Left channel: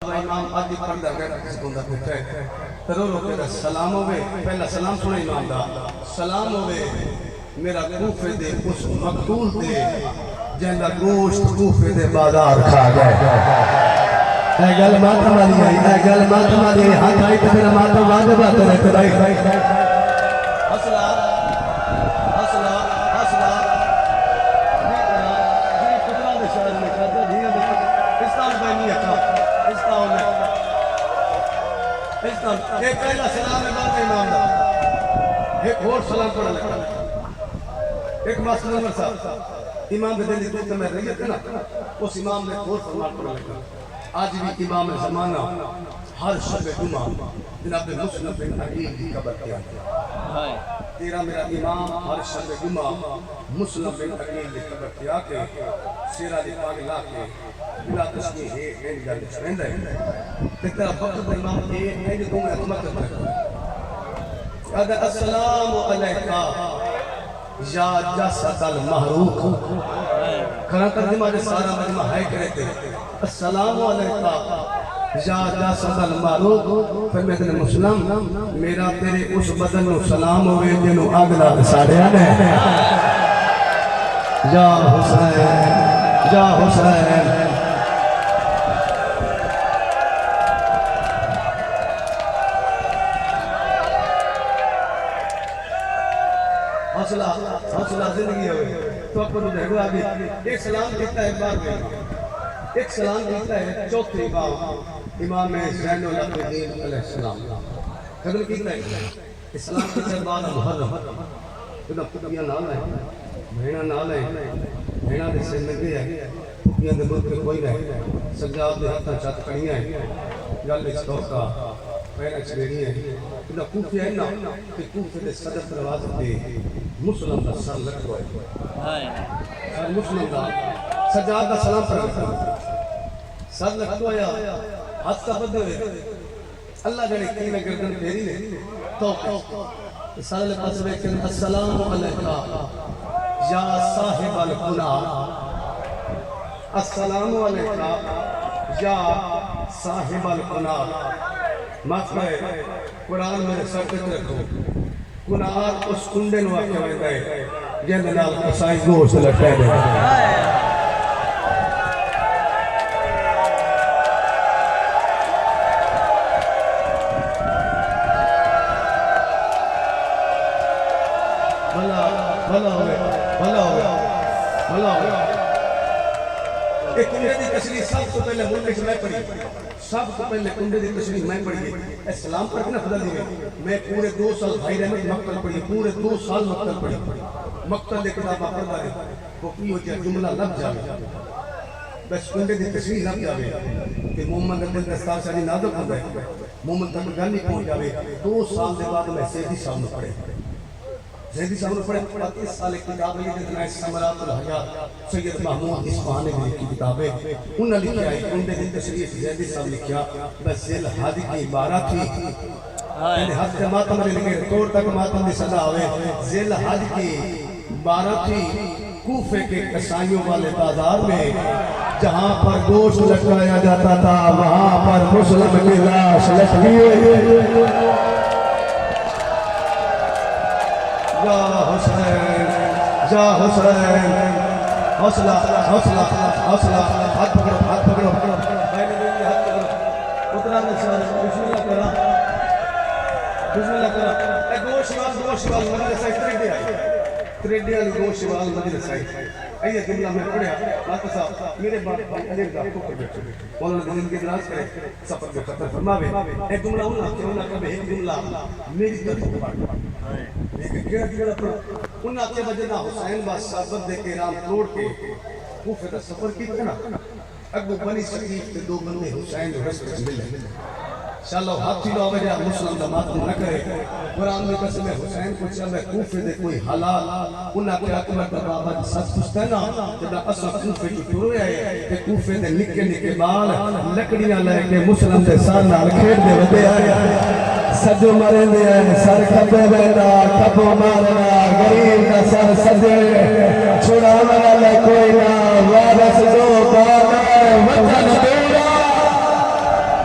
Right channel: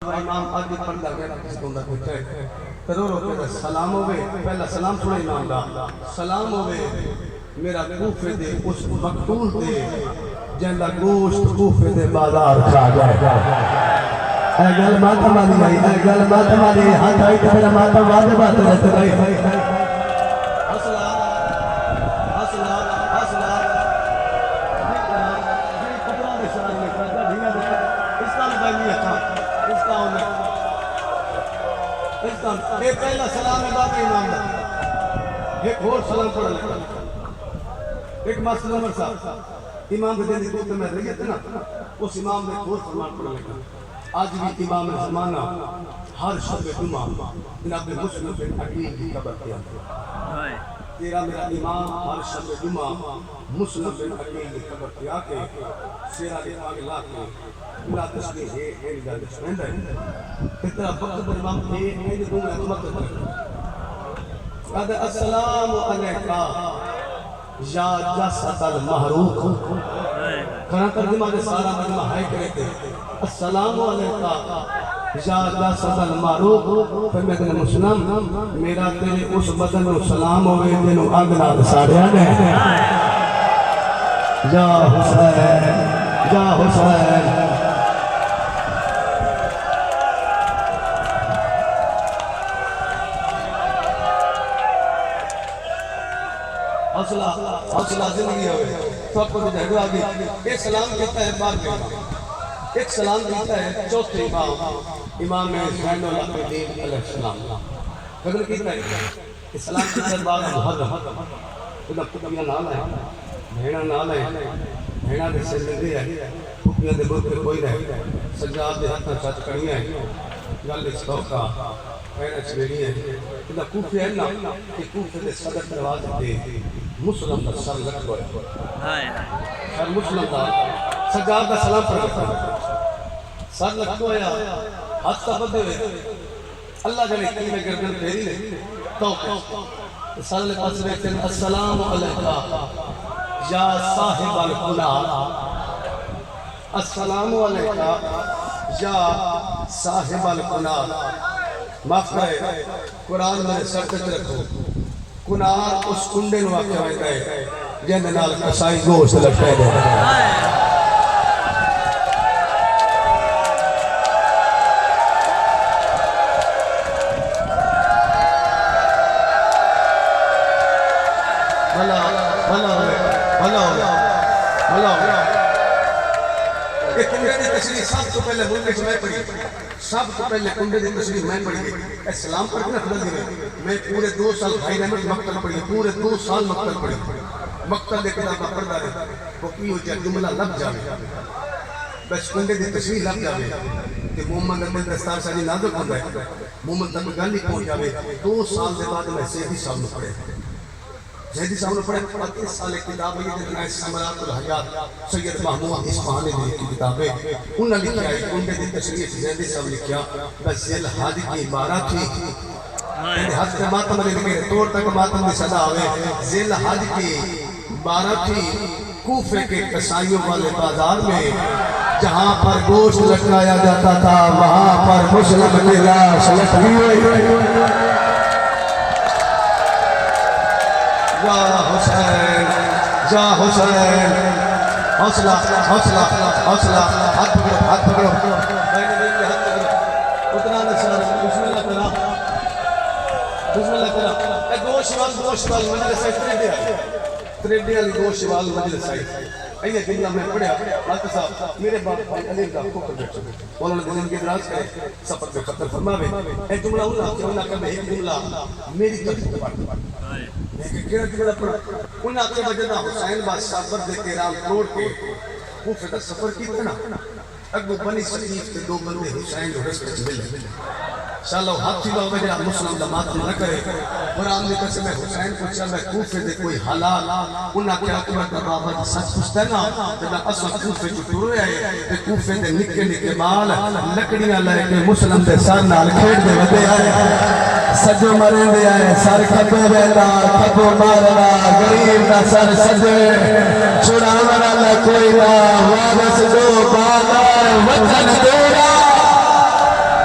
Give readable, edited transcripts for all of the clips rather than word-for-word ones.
इमाम आदि पर्दा सुनदा बैठा है रो रो के सलाम होवे पहला सलाम सुना इमाम दा सलाम होवे मेरा कूफे दे उस मकतूल दे जिंदा गोश्त कूफे दे बाजार खा गए ए गल माता वाली आई ए गल माता वाली हाथ आई तो मेरा माता वादे बात रहते भाई हौसला हौसला हौसला जी कुतरा दे शहर में करदा धिया दे इस्लाम भाई नहीं आता एक पहला सलाम है बात इमाम दा एक और सलाम पढ़ लगा एक मसलन साहब इमाम दे दिल तो मैं रही थे ना उस इमाम ने और सलाम पढ़ लगा आज भी इमाम ज़माना हर शब जुमा जनाब मुस्लिम बिन अकील की कब्र पे आता है तेरा मेरा इमाम हर शब जुमा मुस्लिम बिन अकील की कब्र पे आके शेरा दी पाग ला के बिला तस्बीह है एंड गल छंदा है तेरा वक्त इमाम ए एंड को मैं मत कर अद अस्सलाम अलैका या जसदल महरूक खरा तर्जुमा दे सारा मजमा है कहते अस्सलाम अलैका या जसदल महरूक फिर मैं तेरे मुस्लिम मेरा तेरे उस बदन नु सलाम होवे जिनु आग नाल साड़िया ने या हुसैन हौसला हौसला जिंदगी है तो को देखो आगे एक सलाम देता है बाद में एक सलाम देता है चौथे इमाम इमाम ज़ैनुल अबीदीन अलैहिस्सलाम जब कितना है इस्लाम के बाद मुहर्रम खुदा कुतिया नाल है भेड़ा नाल है भेड़ा के जिंदगी है कुतिया दे मुंह पे कोई नहीं सजाद दे हाथ छत कड़ियां है गल इसका पैर छेड़ी है खुदा कूफे है ना कि कूफे दे सदर दरवाजे पे मुस्लिम का सर लटको है हाय सर मुस्लिम का सजाद का सलाम पढ़ सर लटको है हाथ का बदे हुए अल्लाह जाने की में गर्दन फेरी ने तो सर ले पास में अस्सलाम अलैका या साहिब अल गुनाह अस्सलाम अलैका या साहिब अल गुनाह माफ करे कुरान में सर पे रखो कुनार उस कुंडे नु आके वजदा है जिंदे नाल कसाई गोश्त लटके दे भला भला भला भला एक कुंडे की तशरीह सब तो पहले मुल्क में मैं पढ़ी सब तो पहले कुंडे की तशरीह मैं पढ़ी है सलाम पढ़ के ना खुदा दी मैं पूरे 2 साल भाई रहमत मक्तल पढ़ी पूरे 2 साल मक्तल पढ़ी मक्तल लेके किताब पढ़दा रहे वो की हो जाए जुमला लग जावे बस कुंडे की तशरीह लग जावे कि मोहम्मद अब्दुल दस्तार साजी नाजुक होता है मोहम्मद तक गल ही पहुंच जावे 2 साल के बाद मैं सैयदी साहब ने पढ़े जैदी साहब ने पढ़े 35 साल की किताब है ये नाइस समरातुल हयात सैयद महमूद इस्फहानी की किताब है उन्होंने लिखा है कुंडे की तशरीह जैदी साहब लिखा बस जिल हादी की इबारत थी मेरे हाथ के मातम में लिखे तोड़ तक मातम में सदा आवे जिल हादी की इबारत थी कूफे के कसाईयों वाले बाजार में जहां पर गोश्त लटकाया जाता था वहां पर मुस्लिम की लाश लटकी हुई या हुसैन हौसला हौसला हौसला हाथ पकड़ो हाथ पकड़ो भाई ने देख के हाथ पकड़ो उतना न सर बिस्मिल्लाह करा दो शिवाल मजलिस है त्रेडे वाली दो शिवाल मजलिस है अइए कि मैं पढ़या लात साहब मेरे बाप भाई अली का को कर उन्होंने दिन के दराज करे सफर में खत्म फरमावे एक जुमला उन्होंने कहा एक जुमला मेरी गलती हाय केड़ा उन्हें आपके वजह हुसैन बादशाह दे के राम तोड़ के कूफे का सफर किया ना अगू बनी सकीफ के 2 बंदे हुसैन रस्ते में मिले चलो हाथी लो वजह मुस्लिम दा मातम न करे कुरान में कसम है हुसैन को चल कूफे दे कोई हलाल उन्हें क्या अकबर दा बाबा जी सच पूछता ना ते असा कूफे को टुरे आए ते कूफे दे निक्के निक्के बाल लकड़ियां लेके मुस्लिम दे सर नाल खेड दे वदे आए सजो मरे दे आए सर कबे बैठा कबो मारना गरीब का सर सजे छुड़ाने वाला कोई ना वापस जो बात वतन तेरा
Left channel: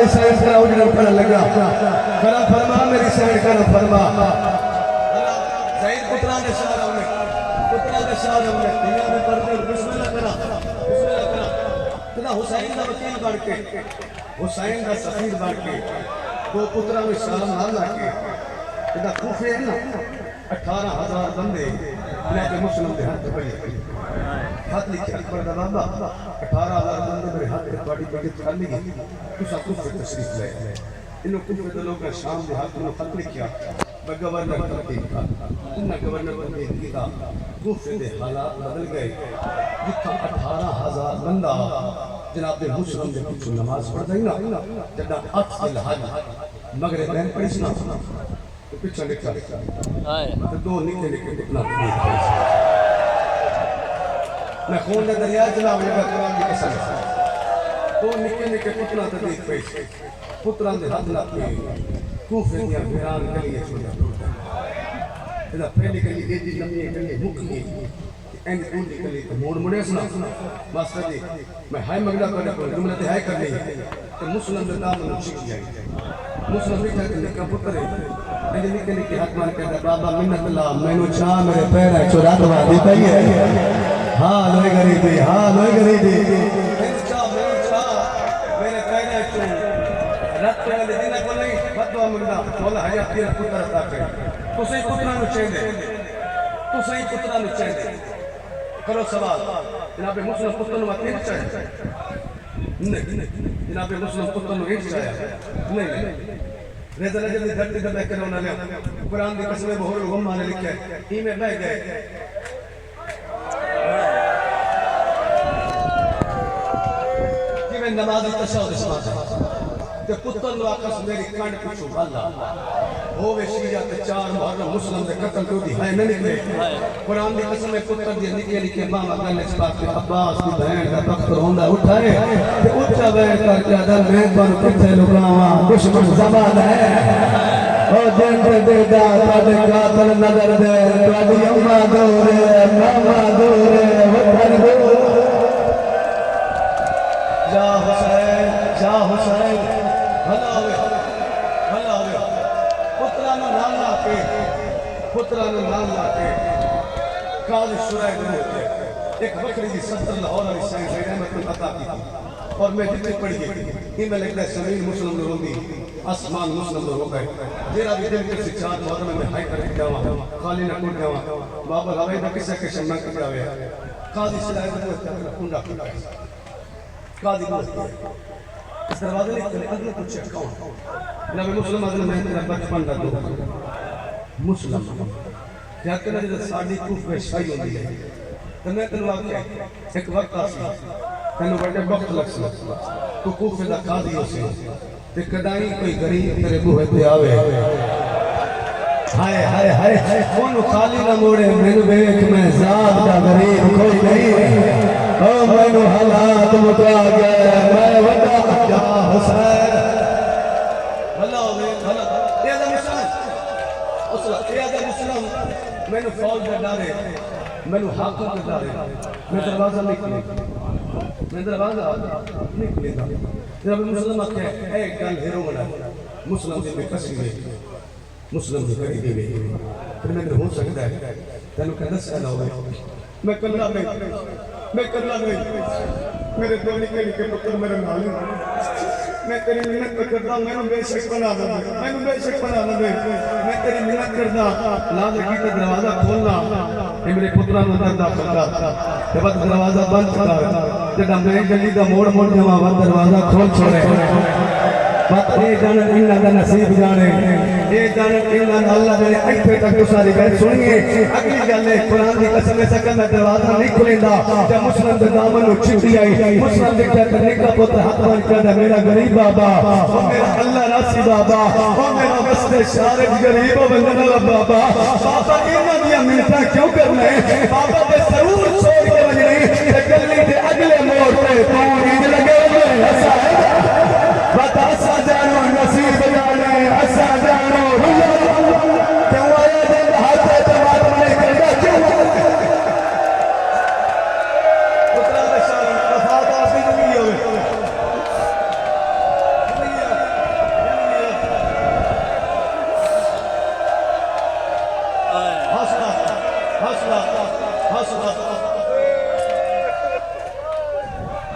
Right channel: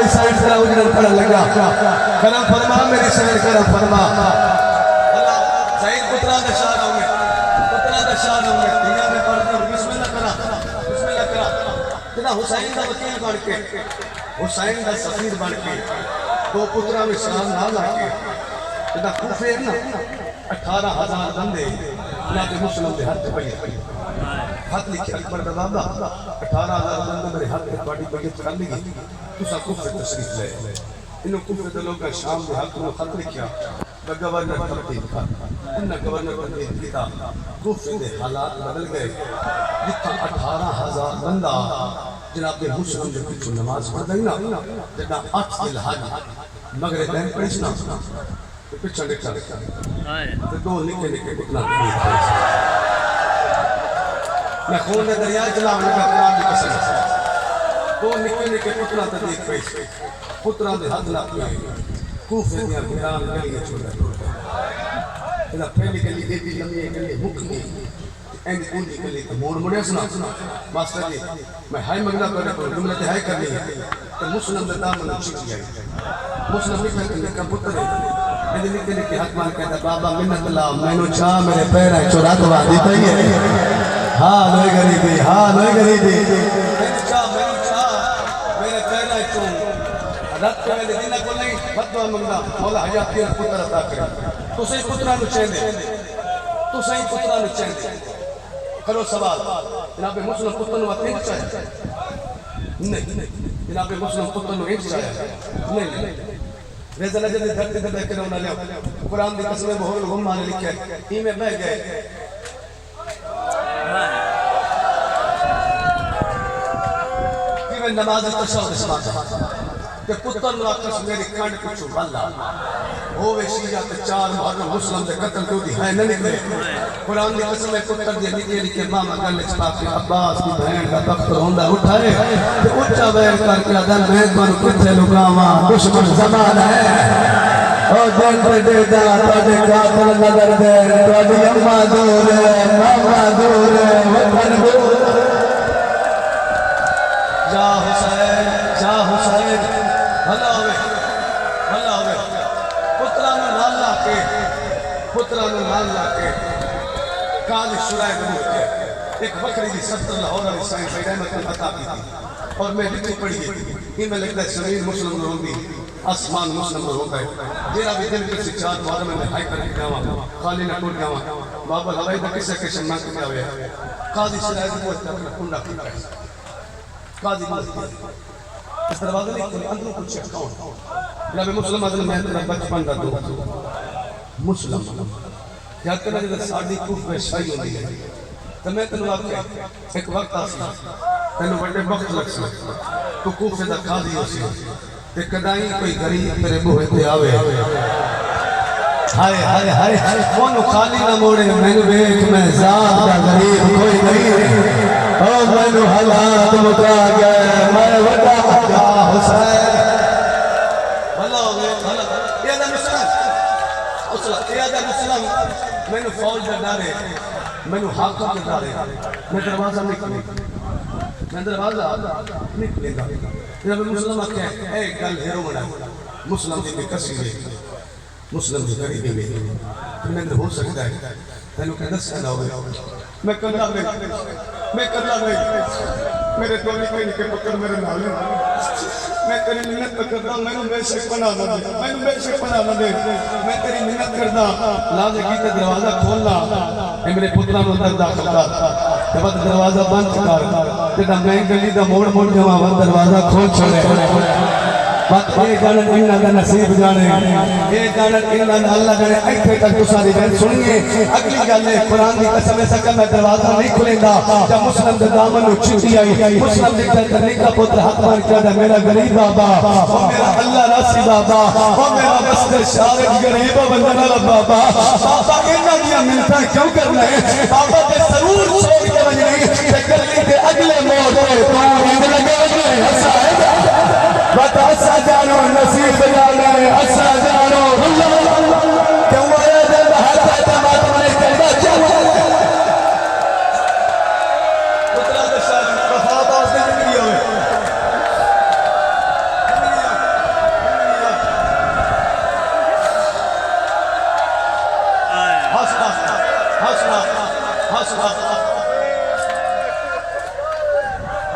मेरी साइड करा उजड़ कर लगा करम फरमा मेरी साइड करम फरमा सईद पुत्रा के शाह में दुनिया में पढ़ते बिस्मिल्लाह करा तेरा हुसैन का वकील बन के हुसैन का सफीर बन के दो पुत्रा में सलाम ना लाके तेरा कूफे है ना 18,000 बंदे के मुस्लिम के हाथ पे हाथ लिखे अकबर का बाबा 18,000 बंदे मेरे हाथ पे बड़ी बड़ी कर ली तू सब कूफे तशरीफ ले इन कूफे के लोग का शाम के हाथ में खत लिखा गवर्नर तरतीब का इन गवर्नर को देख लिया कूफे के हालात बदल गए जितना 18,000 बंदा जनाब मुस्लिम के पीछे नमाज पढ़ गई ना जदा 8 जिलहज मगरिब में पढ़ी ना पीछे निकल तो दो निके निके इतना मैं खून का दरिया चला लगा कुरान की कसम दो निके निके पुत्रा ते देख पे पुत्रा दे हाथ ला के कूफे दी कुरान गली छोड़ इना पहले गली एडी लंबी गली मुक्की एंड उंडी गली तो मोड़ मुड़े सुना मास्टर जी मैं हाय मंगला कर जुमले ते हाय कर ली तो मुस्लिम का नाम न छिप जाए मुस्लिम लिखा के पुत्र है मेरे निके निके हाथ मार के बाबा मिन्नत ला मैनू चा मेरे पैर चुरा दवा देता ही है हां लोई गरीबी मैनू चा मेरे पैर चो रत में दिन को नहीं बदवा मंगा बोला हजा तेरे पुत्र अता कर तू सही पुत्रा नु चाहिए करो सवाल जनाब मुस्लिम पुत्र नु बात नहीं चाहिए नहीं जनाब मुस्लिम पुत्र नु नहीं चाहिए नहीं रेज़ा नजर दी धरती ते बैठे रहना ने कुरान दी कसम बहुत गुम माने लिखे ई में बह गए कि मैं नमाज तशहुद समाज ते पुत्र नु आकस मेरी कांड पिछू वाला होवे शिया ते 4 मुहर्रम मुस्लिम दे कत्ल तो दी है न निकले कुरान दी कसम पुत्र दी निके निके मामा गले च पाके अब्बास दी बहन दा तख्त रोंदा उठाए ते ऊंचा बैठ करके अगर मैं तुम किथे लुकावा दुश्मन जमाना है ओ दिन दे दा तोड़े कातल नजर दे तोड़ी अम्मा दूर मामा दूर वतन दूर जा हुसैन भला होवे पुत्रा नु नाम लाके काज शुराए हो गया एक बकरी की 70 लाहौर वाली साईं भाई रहमत अता की और मैं लिखी पढ़ी कि मैं लगता है जमीन मुस्लिम नु रोंदी आसमान मुस्लिम नु रोंदा है जेरा भी दिल के शिक्षा द्वारा में हाई करके जावा खाली न टूट जावा बाबा हवाई दा किसे के शम्मा के जावे काजी शुराए हो तक कुंडा किया काजी बोलते इस दरवाजे ने अंदर कुछ कौन जनाब मुस्लिम अदल मैं तेरा बचपन का दोस्त मुस्लिम क्या करना जब साड़ी कुफ में शाही होती है तो मैं तेरे एक वक्त आसा तेरे बड़े वक्त लग सकता तो कुफ से काजी हो से ते कदाई कोई गरीब तेरे बूहे ते आवे हाय हाय हाय कौन खाली ना मोड़े मैंने देख मैं जात का गरीब कोई नहीं ओ मैंने हालात मुका गया मैं वड़ा जा हुसैन भला हो गया भला ये दा मिसाल मुस्लिम मैंने फौज का डारे मैंने हाकों के डारे मैं दरवाजा निकले जब मुस्लिम के एक गल हेरो बना मुस्लिम के कसी में मुस्लिम के गरीबी में फिर मैं हो सकता है तेनू कहना सदा हो मैं करना गई मेरे दो निके पुत्र मेरे नाल मैं तेरी मिन्नत करदा मैनू बेशक बना दे मैं तेरी मिन्नत करदा ला दे की दरवाजा खोलना मेरे पुत्रा नु अंदर दाखिल कर जब दरवाजा बंद कर जदा मैं गली दा मोड़ जावा दरवाजा खोल छोड़े मत ये गाना इन्ना दा नसीब जाने ये गाना इन्ना अल्लाह जाने इथे तक तुसा दी बात सुनिए अगली गल है कुरान दी कसम से कि मैं दरवाजा नहीं खुलेंदा जब मुस्लिम दे दामन नु छिटी आई मुस्लिम दे करने का पुत्र हाथ मार के मेरा गरीब बाबा ओ मेरा अल्लाह रासी बाबा ओ मेरा बस्ते शारक गरीब बंदना बाबा बाबा इन्ना दी मिन्नत क्यों करना है बाबा ते जरूर छोड़ के वजनी ते गली दे अगले मोड़ पे पानी लगे हसा असा जानो नसीब जाने असा जानो क्यों आया जब हाथ तमाम ने करना क्यों पुत्रा बशारी वफादार से जिंदगी होवे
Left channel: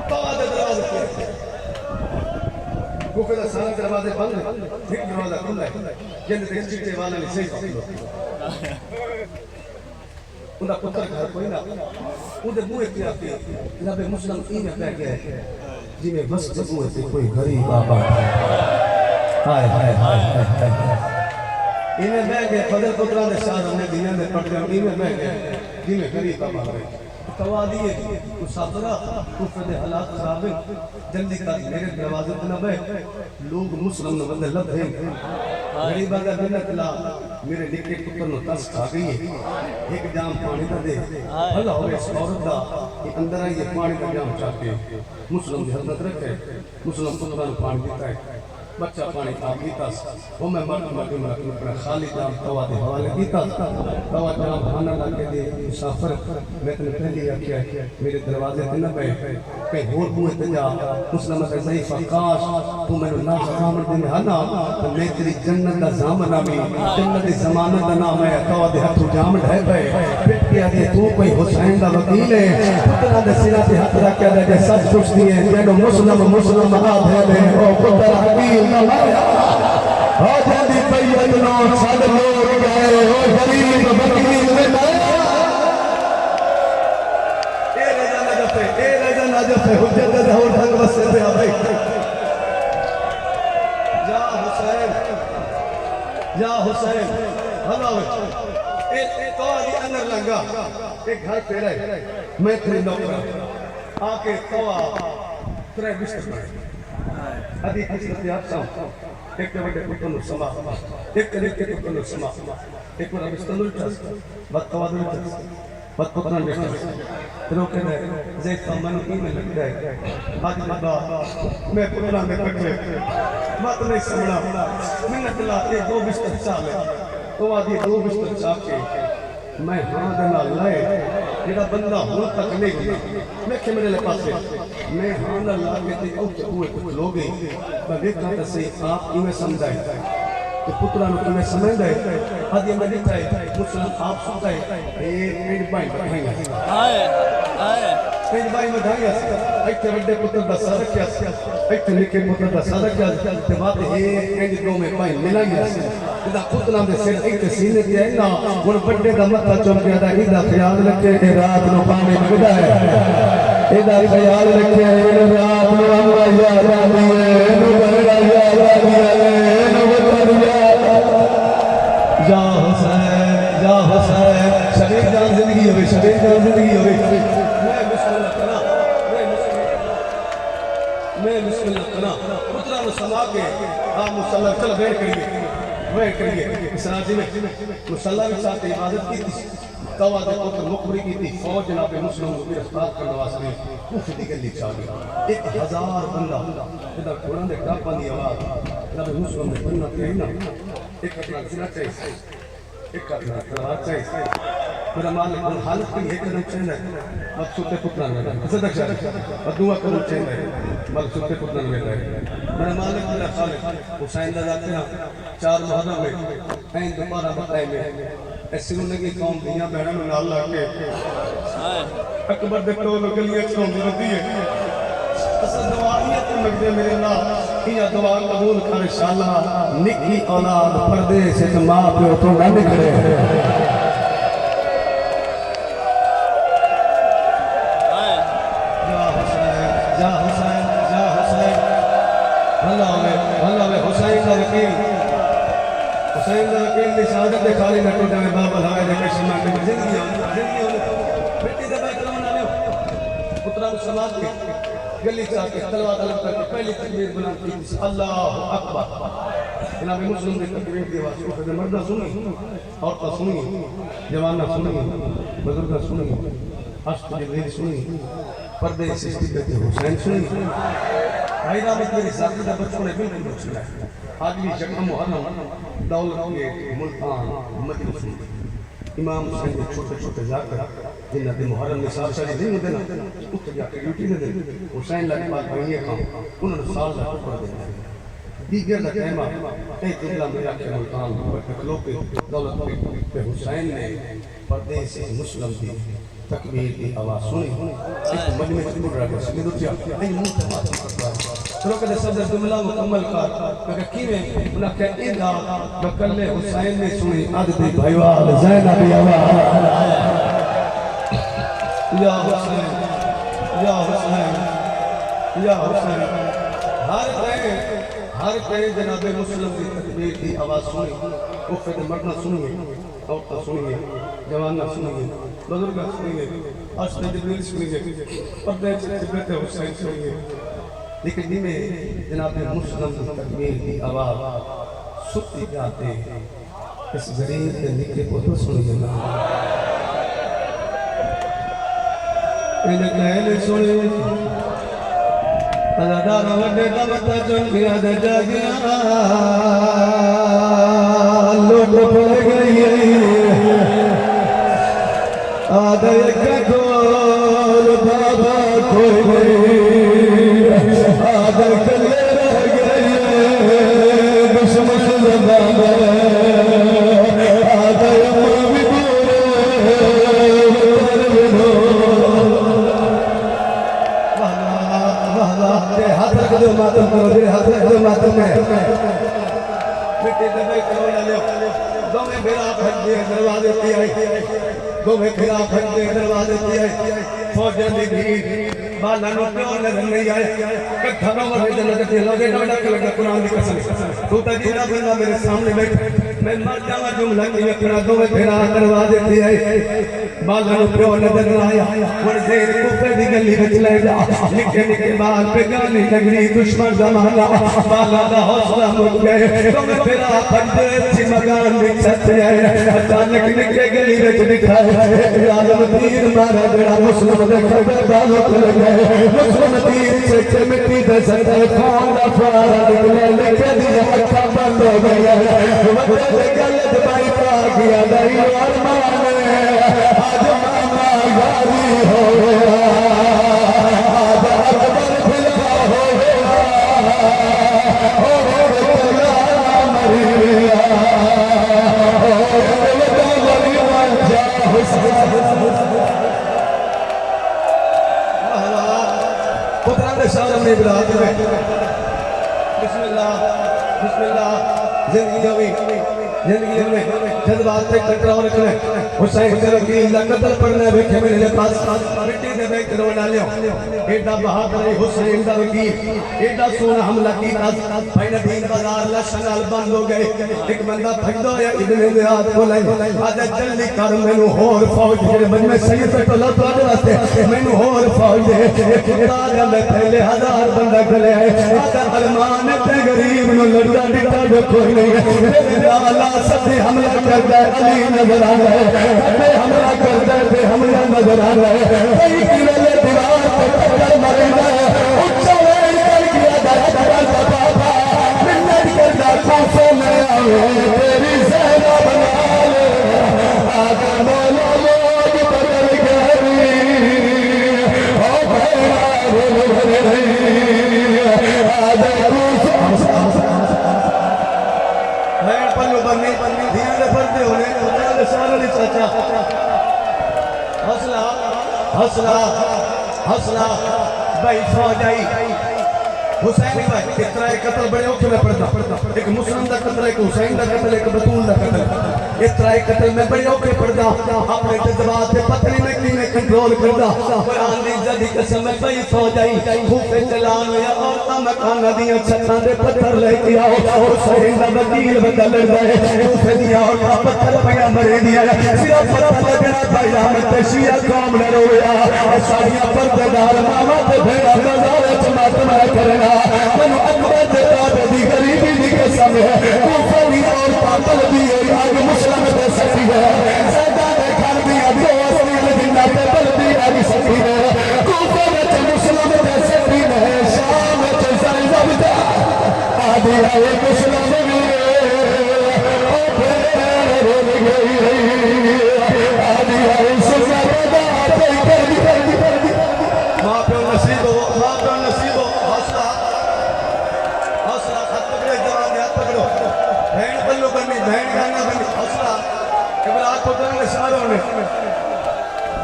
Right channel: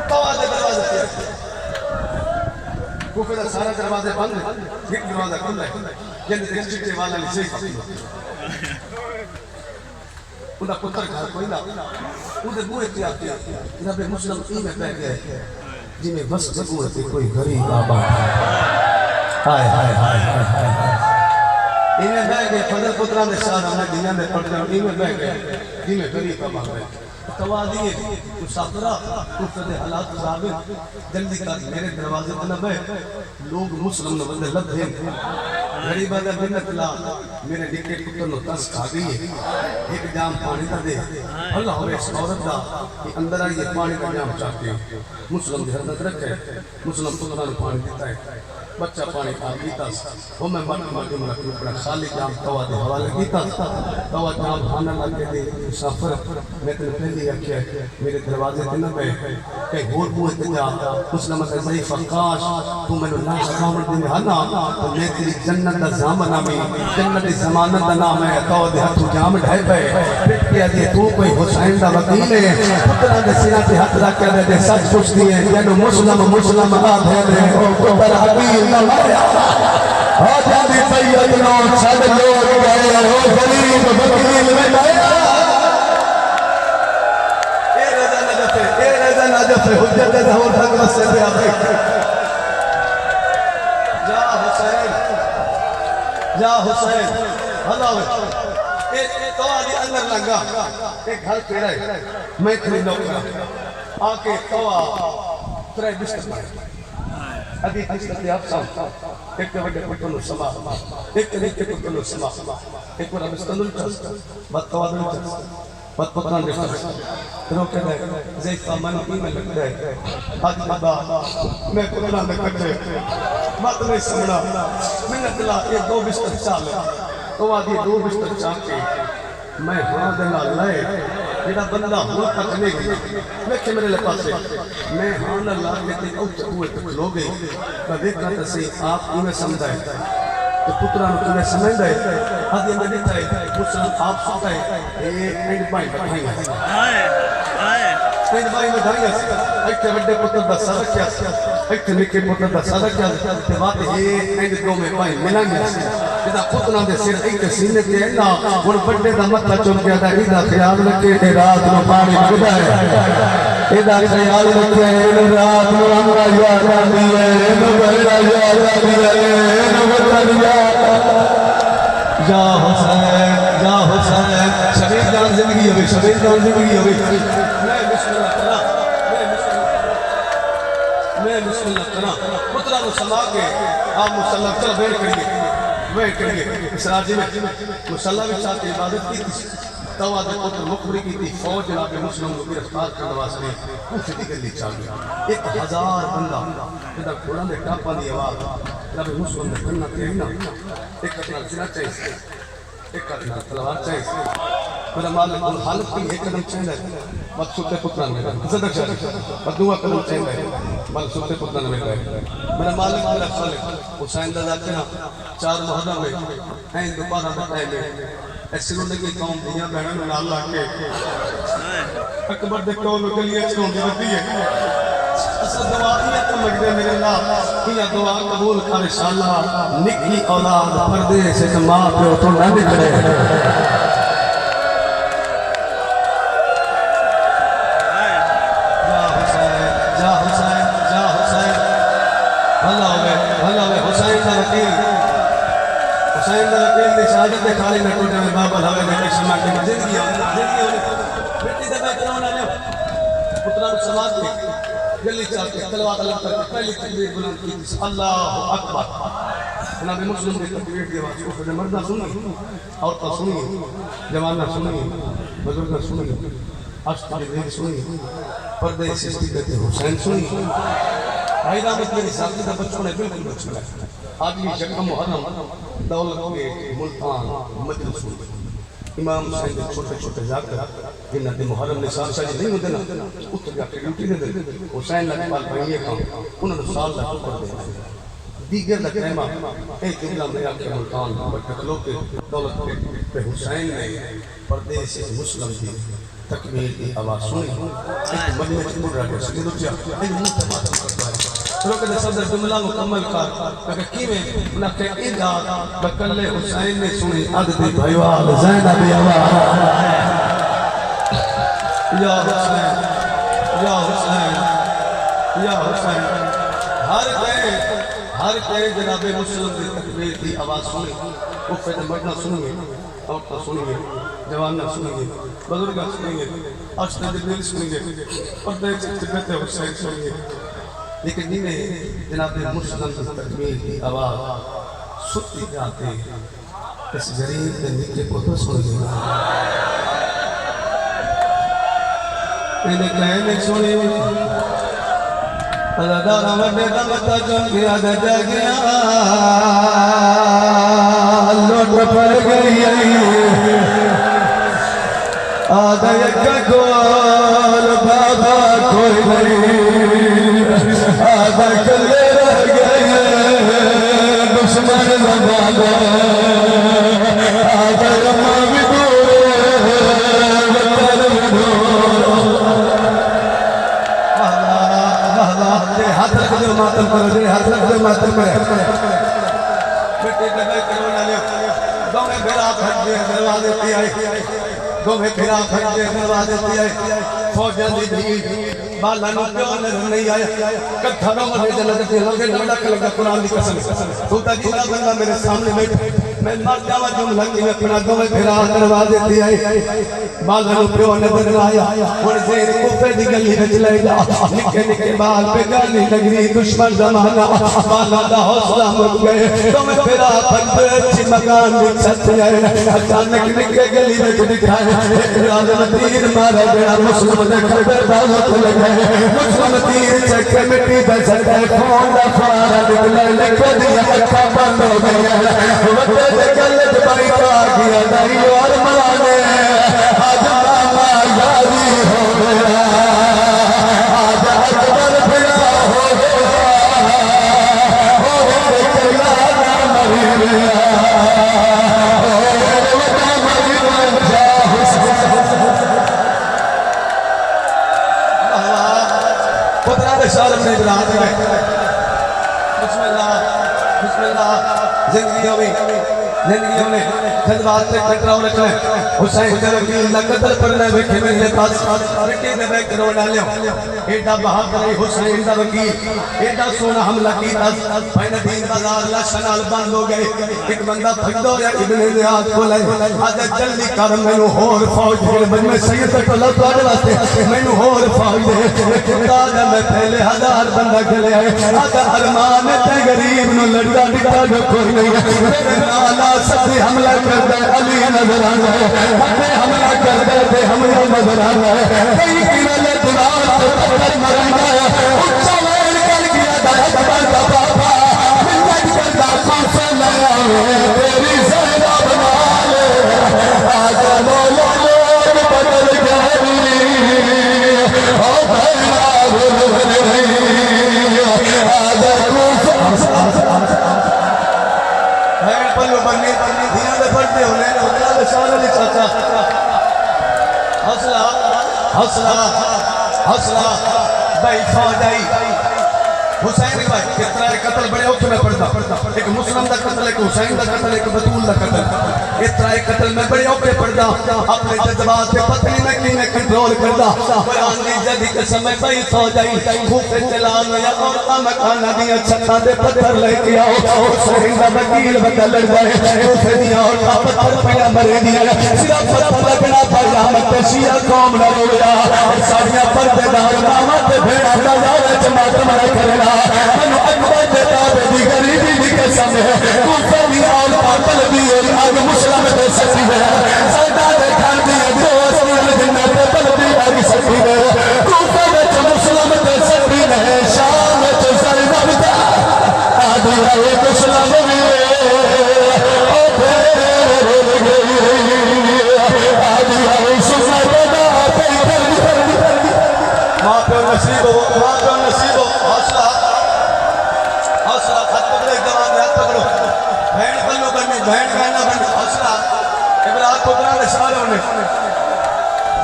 तवा दे दरवाजे पे कोफे दा सारा दरवाजे बंद एक दरवाजा खुला है जिंदे ते चिट्टे वाला ने सही पकड़ो उनका पुत्र घर कोई ना उधर बुए की आती जनाब मुस्लिम ई में बैठ गए जिमें बस बुए पे कोई गरीब बाबा हाय हाय हाय हाय इन्हें बैठ गए फजल पुत्रा ने शाह हमने दुनिया में पढ़ गए इन्हें बैठ गए जिमें गरीब बाबा बैठ तवा दिए मुसाफिरा कुफरे हालात खराब जल्दी कर मेरे दरवाजे पे ना बैठ लोग मुस्लिम ने बंदे लबे गरीब आदा बिन्नत ला मेरे निके पुत्र नु तस खा गई है एक जाम पानी का दे भला हो इस औरत दा अंदर आई पानी का जाम चाहते मुस्लिम की हरमत रखे मुस्लिम पुत्र नु पानी देता है बच्चा पानी आप पीता वो मैं मर अपना खाली जाम तवा दे हवाले पीता तवा जाम खाना लगे दे मुसाफिर मैं तेरे पहले रखिया मेरे दरवाजे पे न बैठ कहीं होर मुंह ते जा मुस्लिम ते सही फकाश तू मैंने ना सामने दे हना तो मैं तेरी जन्नत दा जामन आमी जन्नत दी जमानत दा नाम है तवा दे हाथ जाम ढाई पे पिट के आदि तू कोई हुसैन दा वकील है पुत्रा दे सिरा पे हाथ रख के दे सब कुछ दिए जेनो मुस्लिम आ दे ओ पुत्र हकीम ना माया हो जादी पैयत नो छड़ लोग गए ओ गरीब वकील में माया ए रजा नजफ हुज्जत ज़हूर तक बस दे आवे या हुसैन हला ए तवा दे अंदर लगा एक घर पेड़ा है मैं तेरे नौकर आके तवा तेरे बिस्तर अभी किसने आप साथ एक बड़े कुत्ते नु समा एक कुत्ते नु समा एक बड़ा बिस्तर नु बात तवा नु बात पुत्रान जैसा रोके ने जैसा मन की में लग रहा है आज बाबा मैं पुत्रा में कटे मत नहीं समझा मैंने चला ये दो बिस्तर चाल तो आदि दो बिस्तर चाल के मैं हां दे नाल लाए जेड़ा बंदा हुआ तक नहीं मैं के मेरे पासे मैं हां नाल ला के ते उठ हुए तो लो गई मैं देखा तो सही आप इमे समझाए तो पुत्रा नु तुम्हें समझदा है आदि में देता है मुस्लिम आप सुनता है ए एंड पॉइंट बताएंगे हाय हाय एंड पॉइंट बताएंगे इतने बड़े पुत्र दा सदक क्या इतने निके पुत्र दा सदक क्या ते बात ए एंड दो में पॉइंट मिलेंगे इदा पुत्रा दे सिर एक सीने ते है ना हुन बड़े दा मत्था चुम गया दा इदा ख्याल रखे के रात नु पानी लगदा है इदा ख्याल रखे इन रात नु अल्लाह याद आती है इन बड़ा याद आती है जा हुसैन शबीर जान जिंदगी होगी शबीर जान जिंदगी होगी मैं बिस्मिल्लाह करा पुत्रा नु समा के आ मुसल्ला चल बैठ करिए इस राज्य में मुसल्ला भी चाहते इबादत की तवा दे पुत्र मुखबरी की थी फौज जनाब मुस्लिम को गिरफ्तार करने वास्ते कुछ निकल ली चाह गया 1000 बंदा इधर घोड़ा दे कापा दी आवाज जनाब मुस्लिम ने करना चाहिए एक अपना जिना चाहिए एक अपना तलवार चाहिए मेरा मालिक उन हालत की एक कदम चाहिए मकसूद के पुत्र ने सदक और दुआ करो चाहिए मकसूद के पुत्र ने मेरा मालिक मेरा खालिक हुसैन दा जाते 4 मुहर्रम में ऐन दोबारा बताए में ऐसे लगी कौम दियां बहनों नाल ला के अकबर दे कोल गलियां चोंदी रहती है असल दुआ ये तो मगदे मेरे अल्लाह ये दुआ कबूल कर इंशाअल्लाह निकी औलाद परदेस से मां प्यो तो ना निकले जा हुसैन भला वे हुसैन दा वकील दी शहादत दे खाली न टूटे में बाबा हवा दे कशमा के जिंदगी बेटी दे बैठ ना ले पुत्रा को समाज के गली चाह के तलवार तलब करके पहली तकबीर बुलंद की अल्लाहु अकबर जनाब मुस्लिम की तकबीर की आवाज को मर्दा सुनी औरत सुनी जवान सुनी बुजुर्ग सुनी अश्क की सुनी पर्दे सिस्ती कहते हुसैन सुनी भाई नाम मेरी साथी का बच्चों ने बिल्कुल बच्चा आज भी शक्ल मुहर्रम दौलत के मुल्तान मजलिस इमाम हुसैन के छोटे जाकर जिन्ना दे मुहर्रम ने साल शादी नहीं होते ना उठ जाके ड्यूटी दे हुसैन लगे पाल भैया काम उन्होंने साल ला ऊपर दे दीगर लकरेमा एक जिला में जाके मुल्तान पर खलो के दौलत के हुसैन ने परदेश से मुस्लिम थी तकबीर की आवाज सुनी एक मजमे में मुड़ रहा है सिंदूर जा इन मुंह से बात करता है रोक दे सदर जुमला मुकम्मल कर मैं कीवे उना के इंदा बकल्ले हुसैन ने सुनी अद दी भाईवाल ज़ैनब आवाज या हुसैन या हुसैन या हुसैन हर के जनाबे मुस्लिम की तकबीर की आवाज सुनी वो फिर मरना सुनिए और तो सुनिए जवान सुनिए बुजुर्ग सुनिए और जिब्रील सुनिए और देख सकते हुसैन सुनिए लेकिन नीने जनाबे मुस्लिम की तकबीर की आवाज सुनती जाते इस जरीर के निकले पुत्र सुनिए इन्हें कहने सुनिए अल्लाह नवदे का मता चुन गया दजा गया लौट पड़ गई आदय का कोल बाबा कोई नहीं आदय कले रह गए दुश्मन बाबा आदय मां भी हाथ रख दो मातम करो जे हाथ रख दो मातम में बेटे कदे करो ना ले दो में भेड़ा फट दे दरवाजे पे आई दो में भेड़ा फट दे दरवाजे पे आई फौजन दी भीड़ बाला नो नजर नहीं आया कथरों में जन्नत के लोगे डोडा लगा कुरान की कसम तू ता जीना बंदा मेरे सामने बैठ मैं मर जावा जुमला के अपना दो में भेड़ा दरवाजे पे आई बाला नो प्यो नजर ना आया और जेर कूफे दी गली विच ले जा निके निके बाल पे गली नगरी दुश्मन जमाना बाला दा हौसला मुक गए तो मैं फेरा फंदे अच्छी मकान दी छत आए अचानक निके गली विच दिखाए राजम तीर मारा बड़ा मुस्लिम दे खबर बालों को लगाए मुस्लिम तीर चक्के मिट्टी दे सके खून दा फुहारा निकले लिख दिया अखा बंद हो गया वक्त गले दबाई पा गया दाई और माने आज मामा यारी हो गया आज अकबर फिरा हो गया हो गया मरी गया शारम ने बिराज में बिस्मिल्लाह बिस्मिल्लाह जिंदगी होगी जिंदगी होने जज्बात से टकराव रखना हुसैन के वकील लकदर करने बैठे मेरे पास मिट्टी से बैठ कर डालियो एडा बहादुर हुसैन दा वकील एडा सोना हमला कीता भाई दीन बाजार लाशनाल बंद हो गए एक बंदा भगदो या इब्ने ज़ियाद को ले आज जल्दी कर मेनू होर फौज मेरे बन में सैयद तक लो तोड़े वास्ते मेनू होर फौज दे राजा में पहले 1000 बंदा चले आए आका अरमान ते गरीब नु लड़दा डिटा जो कोई नहीं अल्लाह सबसे हमला करता है अली नजर आ रहा है हमला करता है हमला नजर आ रहा है कई किले दीवार पर पत्थर मरदा है उच्चा वेल कर गया अकबर का बाबा मिन्नत करता खौफ नया तेरी ज़ैनब बना ले आजा मौला लोग बदल गए ओ भैया बोल रही आजा पल्लू बन्नी बन्नी धीरे से पढ़ते होने होने शान अली चाचा हौसला हौसला हौसला भाई फौज आई हुसैन भाई कितना कत्ल बड़े औखे में पड़ता एक मुस्लिम का कत्ल एक हुसैन का कत्ल एक बतूल का कत्ल इतना कत्ल में बड़े औखे पड़ता अपने जज्बात पे पत्नी में कीने कंट्रोल करता कुरान दी जदी के समय भाई फौज आई खूफे चलान या औरतां मकाना दियां छत्तां दे पत्थर लेके आओ हुसैन दा वकील बंदा लड़दा है खूफे दियां औरतां पत्थर पिया मरे दियां सिर्फ पत्थर लगना पाया मत शिया कौम न रोया साड़ियां पर्देदार मामा ते भेड़ा नजारे च मातम न करना मनु अकबर दे ताबे दी गरीबी दी कसम है खूफे दी औरतां तलबी आज मुस्लिम दे सती है सदा दे घर दी दोस्त मिल जिन्ना ते तलबी आई सती है खूफे दे मुस्लिम दे सती है शाम च ज़ैनब दा आदि है मुस्लिम भी ओ फेर रोल गई आदि है सुज़ैब दा पे कर दी मां पे नसीब हो हौसला हौसला हाथ पकड़ो जवान हाथ पकड़ो बहन पल्लू बनी बहन कहना बनी हौसला इब्राहिम पुत्रा ने सारे होने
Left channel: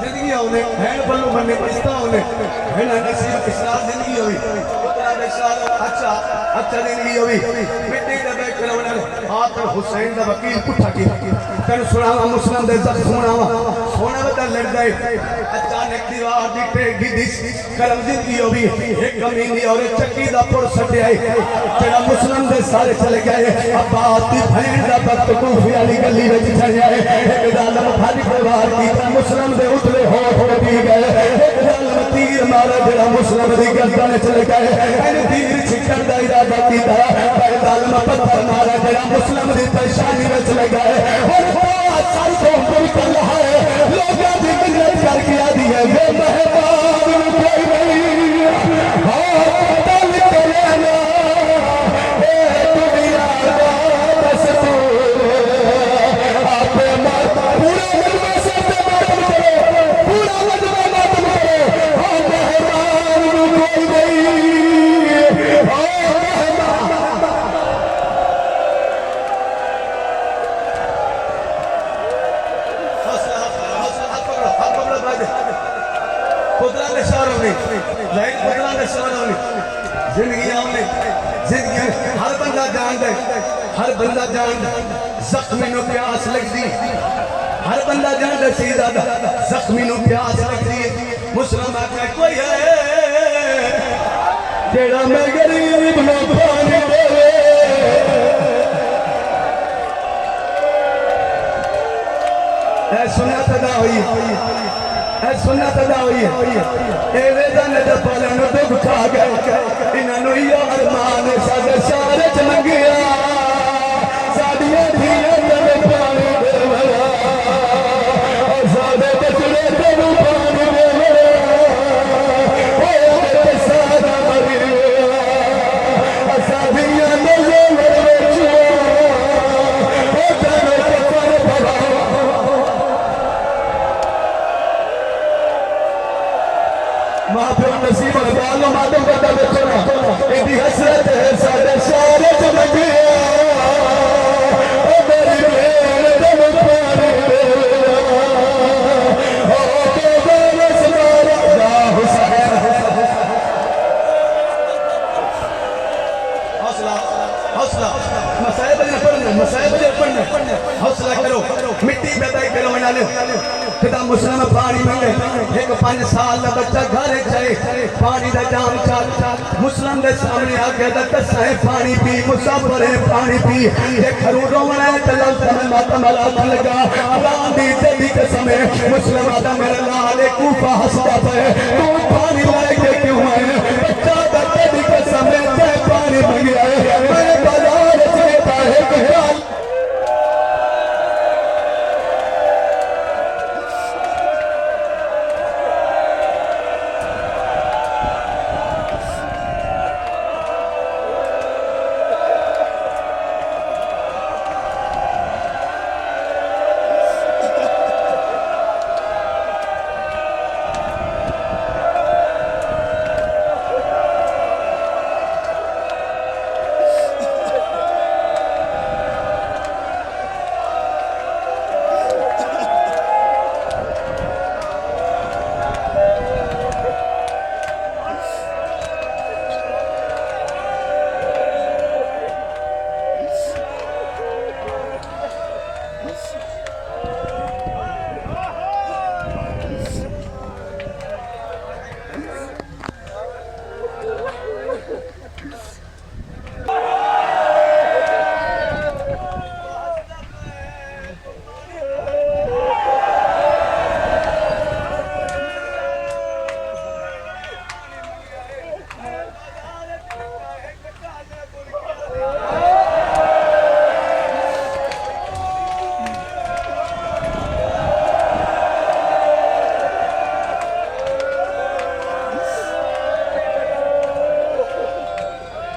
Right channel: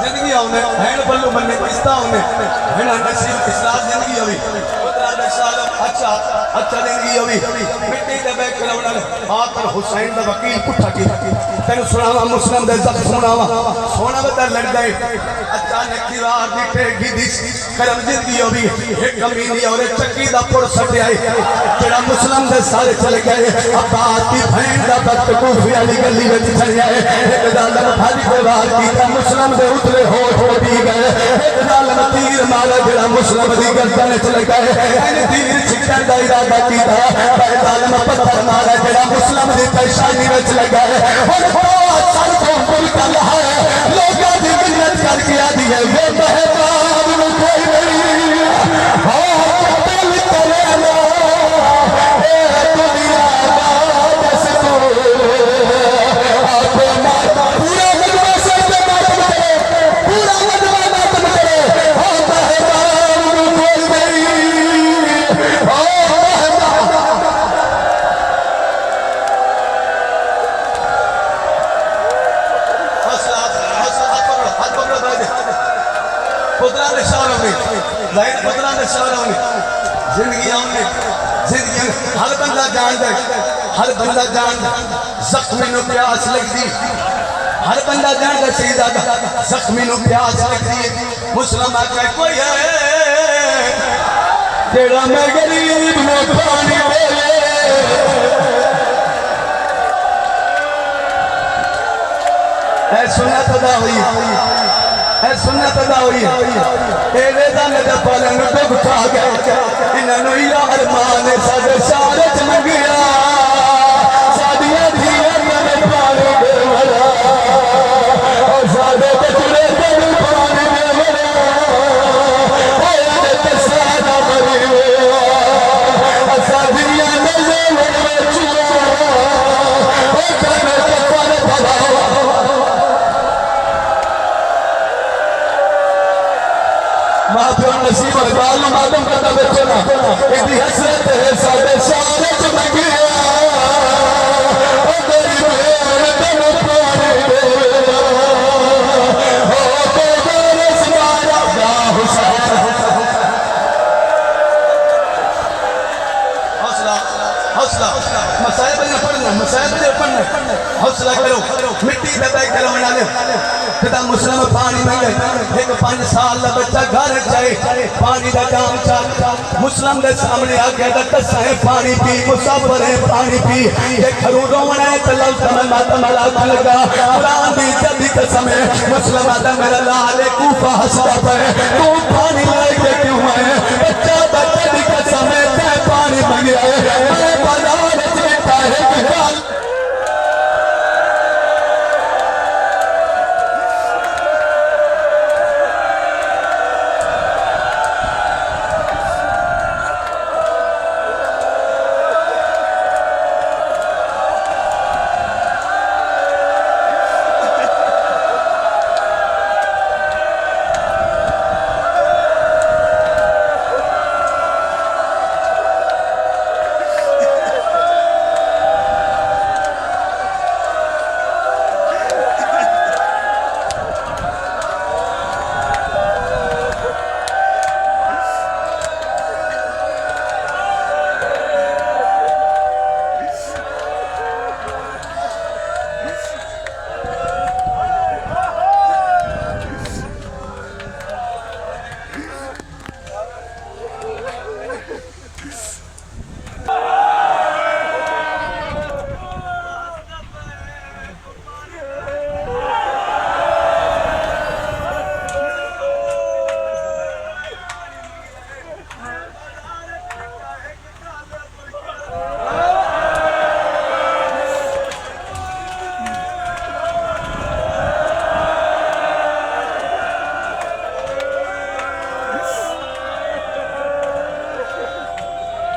जिंदगी आउने हैन बल्लू बन्ने किस्ता आउने हैन नसीब इस्लाम जिंदगी होवी उतरा बेचारा अच्छा अच्छा जिंदगी होवी मिट्टी दे बैठ करवना आखिर हुसैन दा वकील पुठा की तेन सुनावा मुस्लिम दे जब सुनावा सोना बता लड़ गए अचानक दीवार दी टेढ़ी दिस करम जिंदगी होवी एक कमीनी और चक्की दा पुर सटियाई तेरा मुस्लिम दे सारे चले गए अब्बास दी बहन दा बत कूफी वाली गली विच चढ़िया एक जालम भज के वार कीता मुस्लिम दे उतले होठ दी गए एक जालम तीर मारा जेड़ा मुस्लिम दी गर्दन च लगाए इन तीर छिकण दा इरादा कीता पर जालम पत्थर मारा जेड़ा मुस्लिम दी पेशानी विच लगाए और सर को मुल्कल है लोगों दी मिन्नत करके आदी है वे मेहमान नु कोई नहीं हां दिल करेला ए दुनिया दा दस्तूर आपे माता पूरा लगवा सकते मातम करे पूरा लगवा मातम करे हां मेहमान नु कोई नहीं हां मेहमान पुत्रा ने शौरव ने जाहिर पुत्रा ने शौरव ने जिंदगी आउने जिंदगी हर बंदा जानदा हर बंदा जानदा जख्मी नु प्यास लगदी हर बंदा जानदा सीधा जख्मी नु प्यास लगदी मुस्लिम आके कोई है जेड़ा मैं गरीब नु पानी दे ऐ सुन्नत अदा हुई ऐ सुन्नत अदा हुई ए वेदान दे पालन दुख खा गया इन्हां या अरमान साडे सारे च मंगिया साडियां धीयां ने पानी दे वाला साडे बचड़े तेनु पानी दे वाला ओए ते सारा मरी साडियां नज़र विच ओ कने कफन पवा मां प्यो नसीब बाल मातम करता बैठो ना इदी हसरत है साडे सारे च मंगिया ओ मेरी बेन तेनु पानी दे ओ के गोरे समारा या हुसैन हौसला हौसला मसाइब ने पढ़ना हौसला करो मिट्टी पे बैठ करो बना लो पिता मुस्लिम पानी मंगे एक 5 साल का बच्चा घर जाए पानी का जाम चाल मुस्लिम के सामने आ गया दसा है पानी पी मुसाफिर है पानी पी ये खरू रोवना है चलो समय मातम अला लगा कुरान दी जदी कसम है मुस्लिम आदम मेरा लाल कूफा हंसता पे तू पानी लेके क्यों आए बच्चा बच्चे दी कसम है ते पानी मंगया है मैं बाजार च बैठा है कि हाल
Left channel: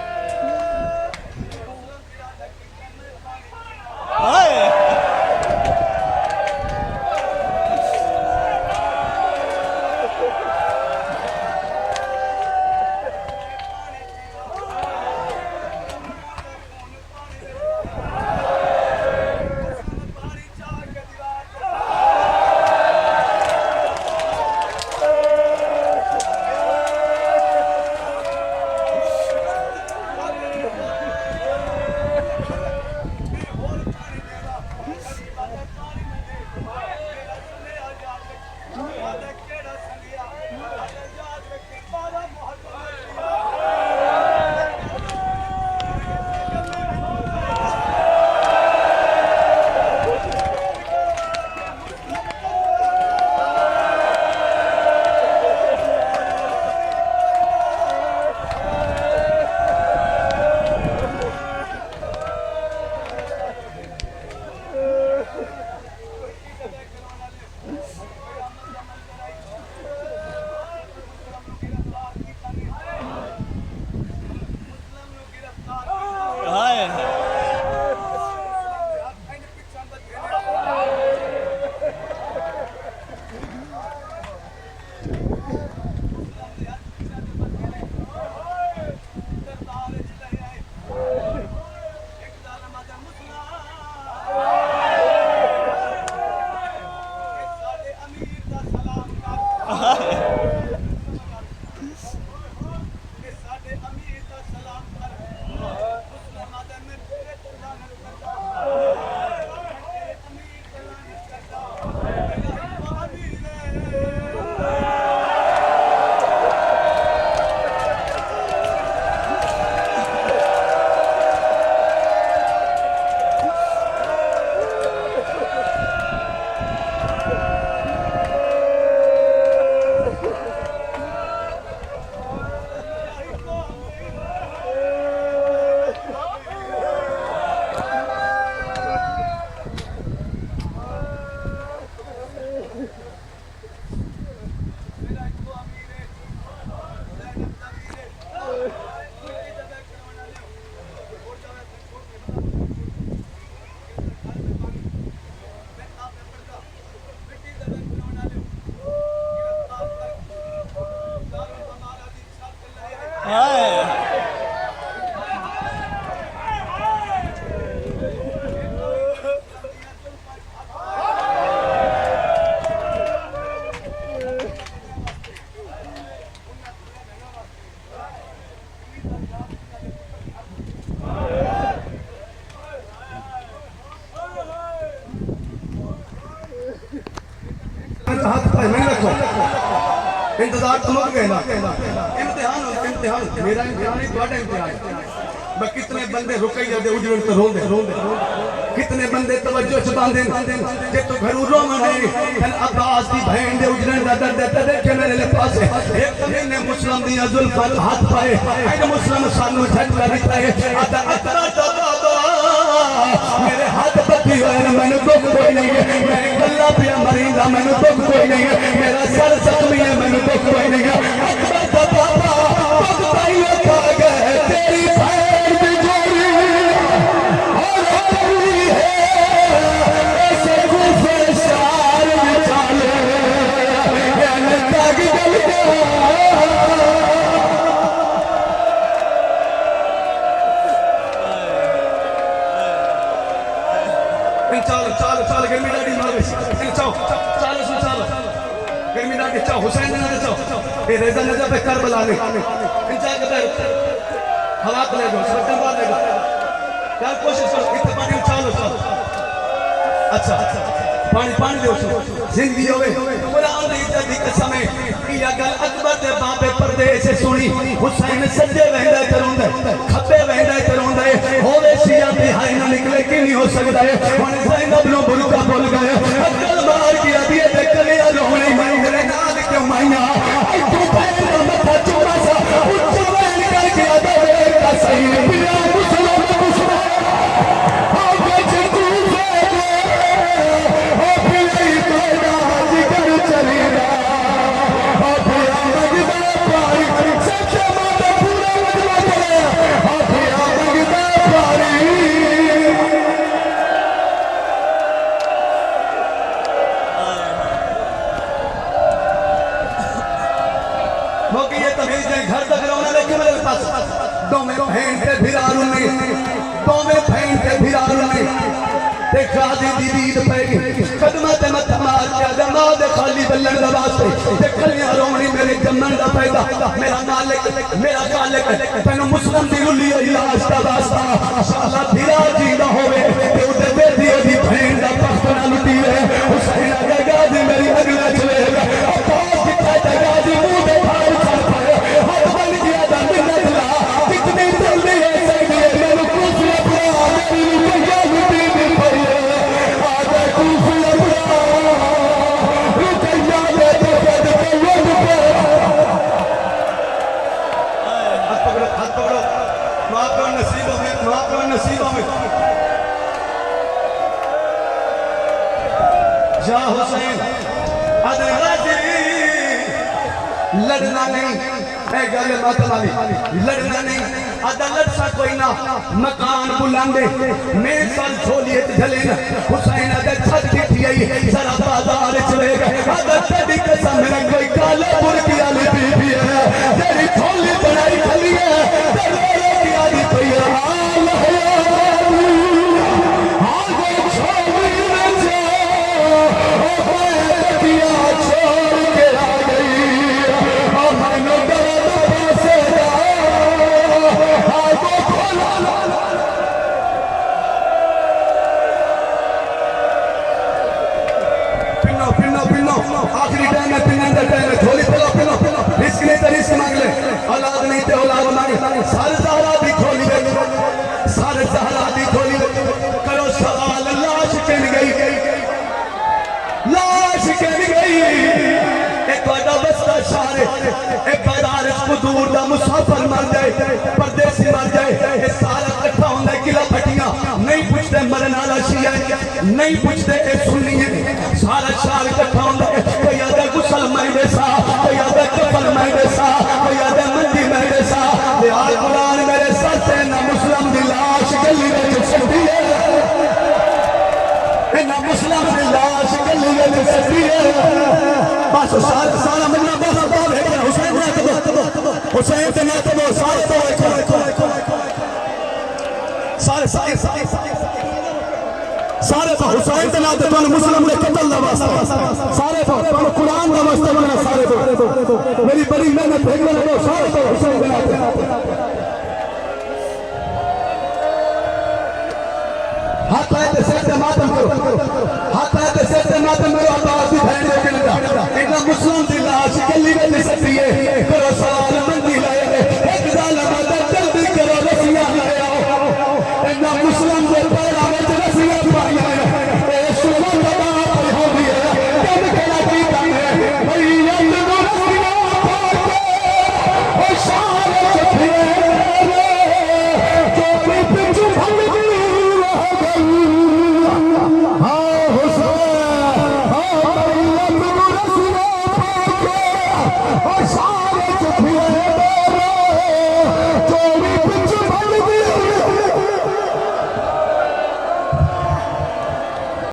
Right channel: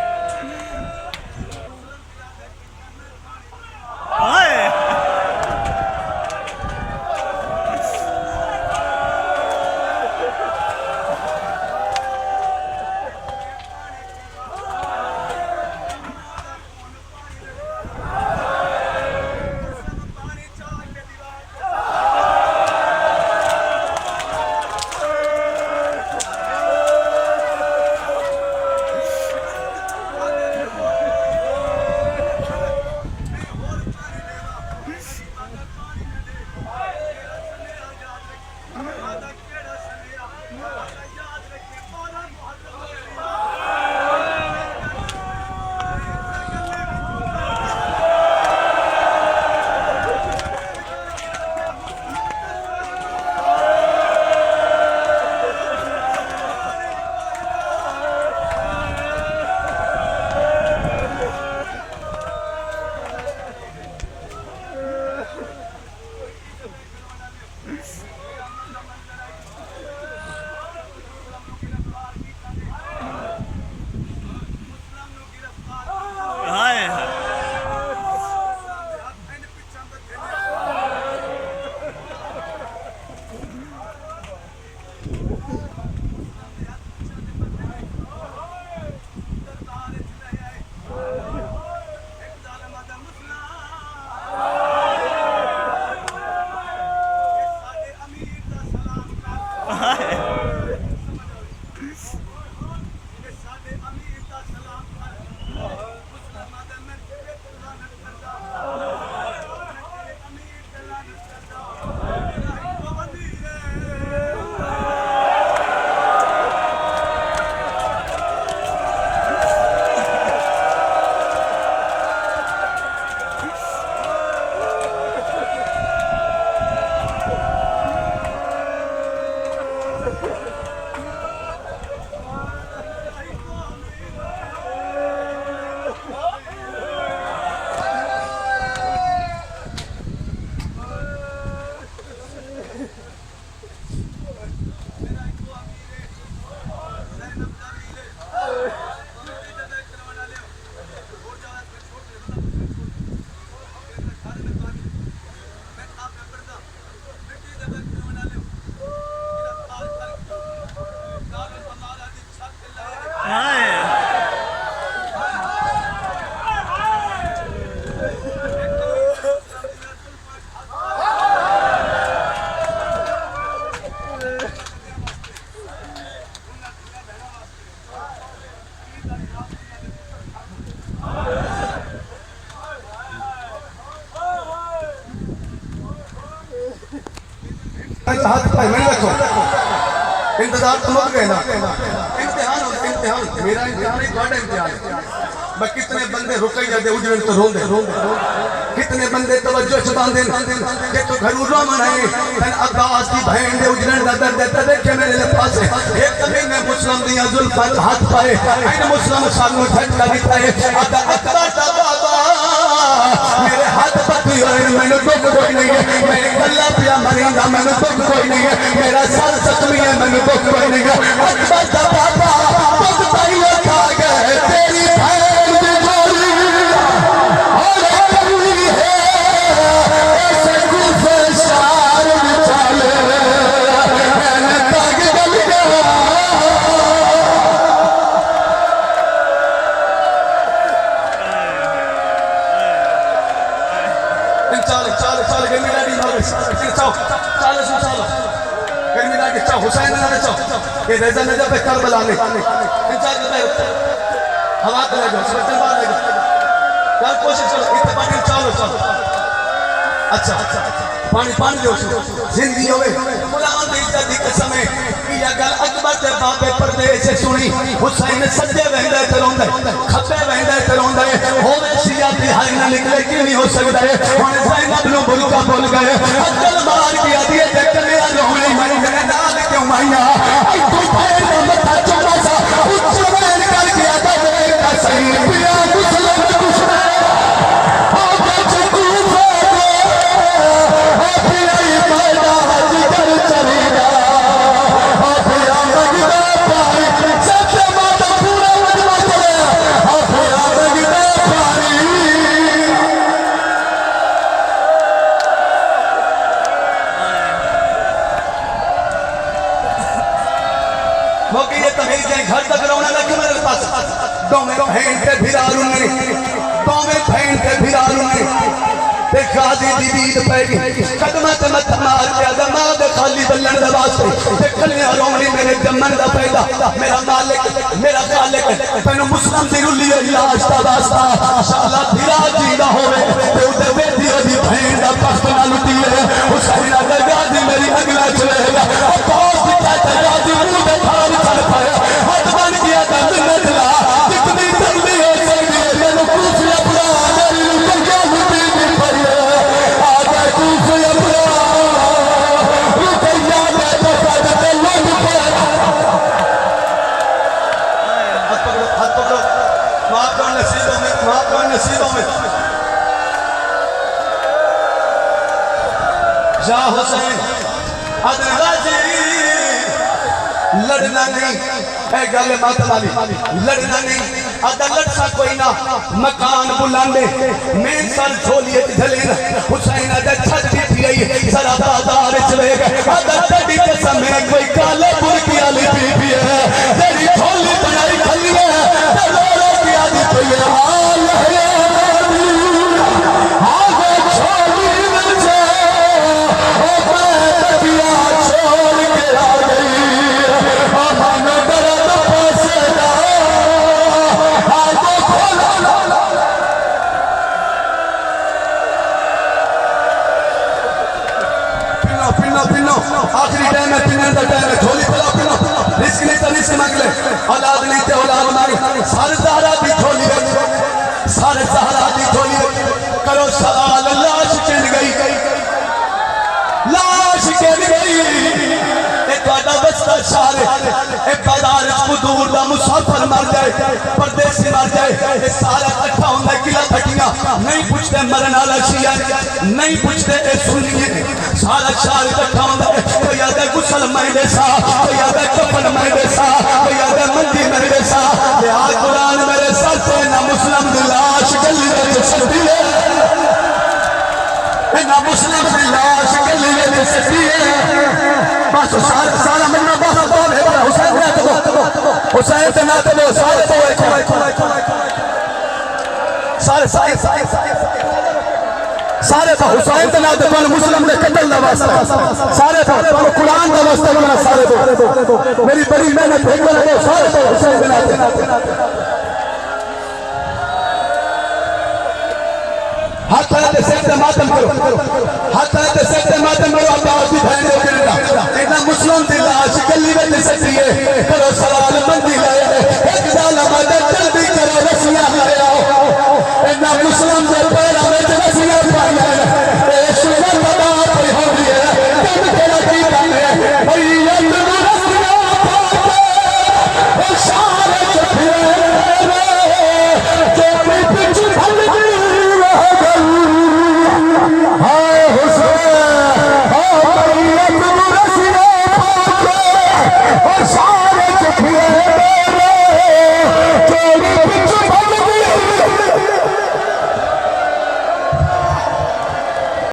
हाथ भाई मैंने रखो इंतजार तो मत कहना इम्तिहान मेरा इम्तिहान ही तुम्हारा इम्तिहान मैं कितने बंदे रुके जाते उजड़न तो रोंदे कितने बंदे तवज्जो च बांधे जे तो घरू रोमन है तन अब्बास की बहन दे उजड़न दा दर्द देखे मेरे ले पास एक महीने मुस्लिम दिया जुल्फा हाथ पाए इन मुस्लिम सानू झटका दिता है अदा अकबर दा बाबा मेरे हाथ पत्ती होए मैंने दुख कोई नहीं है मैं गल्ला पिया मरिंदा मैंने दुख कोई नहीं है मेरा सर जख्मी है मैंने दुख कोई नहीं है अकबर दा बाबा दुख पाई खा गए तेरी बहन दी जोड़ी और करी है ऐसे गुजर सार विचाले मैंने तग गल चाल गर्मी डाडी मारो चाओ चालो गर्मी डाडी चाओ हुसैन ना चाओ ये रेजा नजर पे करबला ले इंतजार करता है हवा को ले जाओ बटन बाहर ले जाओ यार कोशिश करो इतना पानी चालो अच्छा पानी दो जिंदगी होवे कुरान दी इज्जत दी कसम है कि या गल अकबर ते बाबे परदेस से सुनी हुसैन सज्जे वहंदा ते रोंदा खब्बे वहंदा ते रोंदा होवे सिया दी हाय ना निकले कि नहीं हो सकदा है हुन ज़ैनब नो बुलका बोल गए अकल मार के आदी ते कले रोने मेरे नाल क्यों माइया तू भैन दा मथा चला सा उच्च बैन कर के आदा का सही पिया मुसलमान कुछ आगे चकू गाजी दी दीद पैगी खदमत मत मार के दमा दे खाली बल्लन दा वास्ते ते कन्या रोनी मेरे जमन दा पैदा मेरा मालिक मेरा खालिक तैनू मुस्लिम दी रुली इलाज दा वास्ता शाला धीरा जींदा होवे ते उते बेटी दी बहन दा तख्त ना लुटी है हुसैन दा गाजी मेरी अगला चलेगा और पास दिखा दा गाजी मुंह पे थार चल पाए हाथ बन गया दा मिन्नत ला कितनी जल्दी है जल्दी मैनू पूछया पूरा मेरी लुटिया लुटी दी पड़ी या हुसैन अदन गाजी लड़ना नहीं है गल मत वाली लड़ना नहीं अदालत सा कोई ना मकान बुलांदे मैं सर झोलिए झले ना हुसैन अदा छत दी थी जरा बाजार चले गए अदा दी कसम मेरी कोई काले पुर की आली पी है तेरी झोली बनाई खली है तेरे की आली पई है आखिरी टाइम में पिनन दा टाइम है झोली पिलो रिस्क नहीं तो रिस्क मांग ले औलाद नहीं तो औलाद मांग सार ज़हरा दी झोली सार ज़हरा दी झोली करो सवाल लाश केन गई एक वादा बस्ता शारे एक बाजार को दूर दा मुसाफिर मर जाए परदेसी मर जाए ये सारा इकट्ठा होंदा किला फटियां नहीं पूछते मरन वाला शिया नहीं पूछते ए सुनिए सारा शहर इकट्ठा होंदा कोई आदा गुसल मैं देसा कोई आदा कफन मैं देसा कोई आदा मंदी मैं देसा कुरान मेरे सर से ना मुस्लिम की लाश गली रख सकती है, ना मुस्लिम की लाश गली रख सकती है। बस सारा मजमा बस हुसैन से ना तो सारे तो सारे सारे सारे हुसैन से ना तो मुस्लिम ने कतल का वास्ता सारे कुरान का वास्ता बना सारे तो मेरी बड़ी मेहनत सारे तो हुसैन से ना